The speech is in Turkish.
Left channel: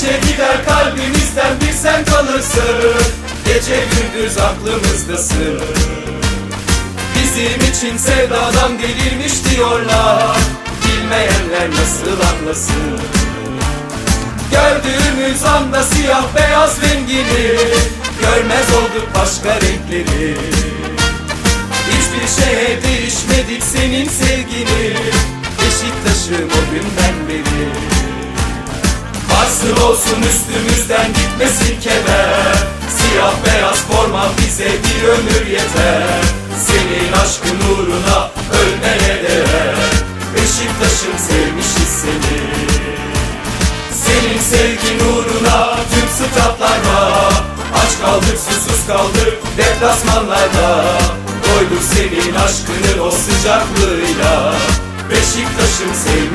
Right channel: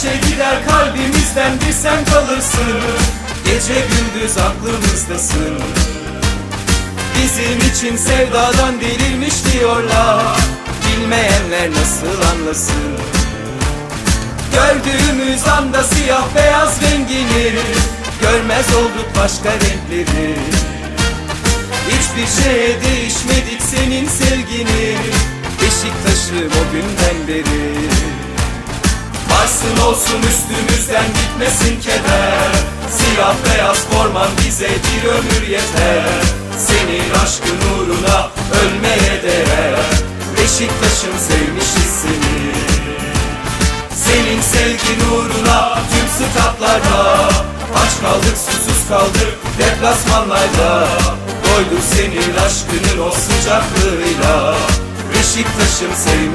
şey gider kalbimizden bir sen kalırsın. Gece gündüz aklımızdasın Bizim için sevdadan delirmiş diyorlar. Bilmeyenler nasıl anlasın? Gördüğümüz anda siyah beyaz rengini Görmez olduk başka renkleri. Hiçbir şeye Varsın olsun üstümüzden gitmesin keder Siyah beyaz forman bize bir ömür yeter. Senin aşkın uğruna ölmeye değer. Beşiktaş'ım sevmişiz seni. Senin sevgin uğruna tüm statlarda. Aç kaldık susuz kaldık deplasmanlarda. Doyduk senin aşkının o sıcaklığıyla. Beşiktaş'ım sevmişiz